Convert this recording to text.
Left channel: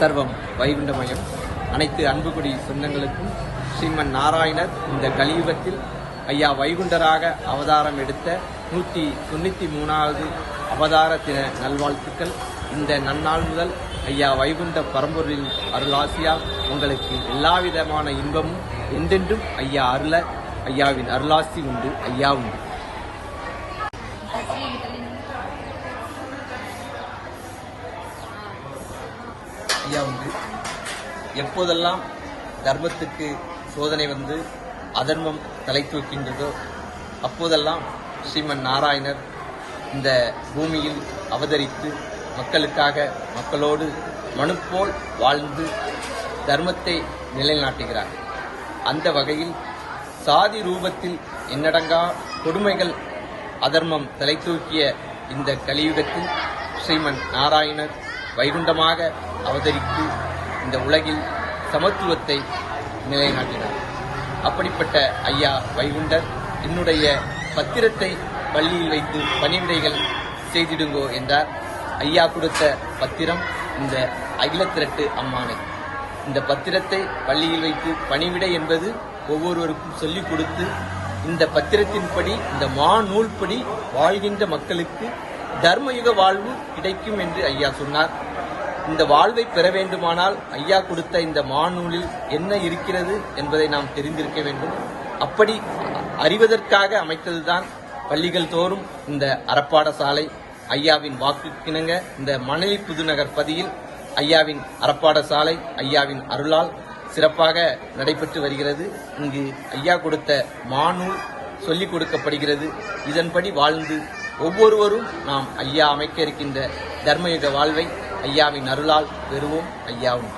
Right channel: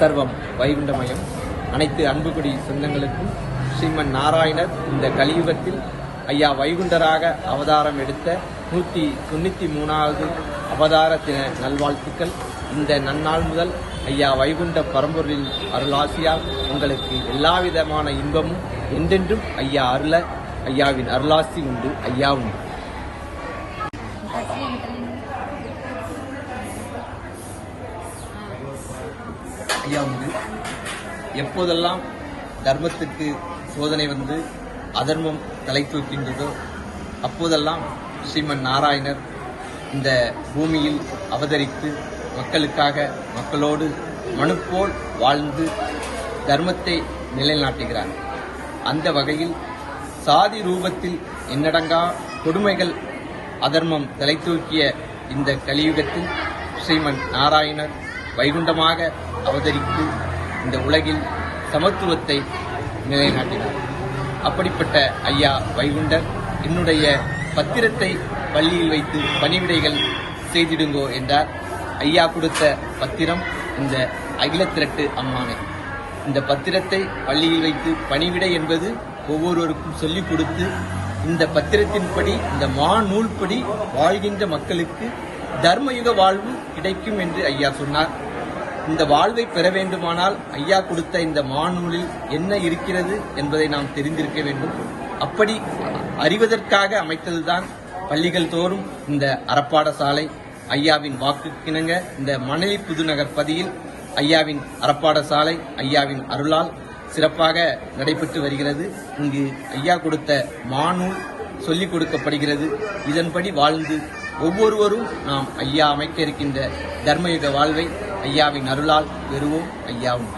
சர்வம் வைகுண்டமயம். அனைத்து அன்புக்குடி சொந்தங்களுக்கும் ஸ்ரீமன் நாராயணர் இந்த கலியுகத்தில் ஐயா வைகுண்டராக அவதாரம் எடுத்த நூற்றி தொண்ணூற்றி மூணாவது அவதார தின நல்வாழ்த்துக்கள். இந்த நன்னாள் முதல் ஐயா வைகுண்ட பரம்பொருளின் அருளாசியால் உங்களுக்கு எல்லா விதமான இன்பமும் என்றென்றும் ஐயா அருள ஐயாவின் அருளாசி உண்டு ஐயா உண்டு. ஐயா உண்டு எப்போதெல்லாம் தர்மத்துக்கு சோதனை வந்து அதர்மம் தலை தூக்கின்றதோ அப்போதெல்லாம் ஸ்ரீமன் நாராயணர் இந்த பூமியில் அவதரித்து மக்களுக்காக மக்களோடு மனுப்போல் வாழ்ந்து தர்மத்தை நிலைநாட்டுகிறார். அந்த வகையில் சாதி ரூபத்தில் எண்ணடங்கா கொடுமைகள் அதர்மம் தலை தூக்கிய இந்த கலியுகத்தில் ஸ்ரீமன் நாராயணர் வைகுண்டமாக அவதரித்து இந்த உலகில் சமத்துவத்தை நிலைநாட்டினார். அப்படிப்பட்ட ஐயா வைகுண்டர் என்னுடைய பத்திரத்தை பள்ளியில் வைத்து பணிவிடைகள் செய்திடுங்கோ என்றார். ஐயா கொடுத்த பத்திரம் இந்த அகிலத்திரட்டு அம்மாங்க. இந்த பத்திரத்தை பள்ளியில் வைத்து பணிவிடை என்பது ஒவ்வொருவருக்கும் சொல்லிக் கொடுத்து இந்த பத்திரத்தின்படி இந்த மா நூல்படி வாழ்கின்ற மக்களுக்கு தர்மயுக வாழ்வு கிடைக்கும் என்று ஐயா சொன்னார். இந்த வாழ்வை பெற வேண்டுமானால் ஐயா கொடுத்த இந்த மாநூலில் என்ன இருக்கிறது என்பதை நாம் தெரிந்திருக்க வேண்டும். அப்படி அறிவதற்காக அமைத்ததுதான் பள்ளிகள் தோறும் இந்த அறப்பாடசாலை ஐயாவின் வாக்குக்கிணங்க இந்த மணலி புதுநகர் பதியில் ஐயாவின் அறப்பாடசாலை ஐயாவின் அருளால் சிறப்பாக நடைபெற்று வருகிறது. இங்கு ஐயா கொடுத்த மானூல் சொல்லிக் கொடுக்கப்படுகிறது. இதன்படி வாழ்ந்து ஒவ்வொருவரும் நாம் ஐயா அமைக்க இருக்கின்ற தர்மயுத வாழ்வை ஐயாவின் அருளால் பெறுவோம் ஐயாவும்.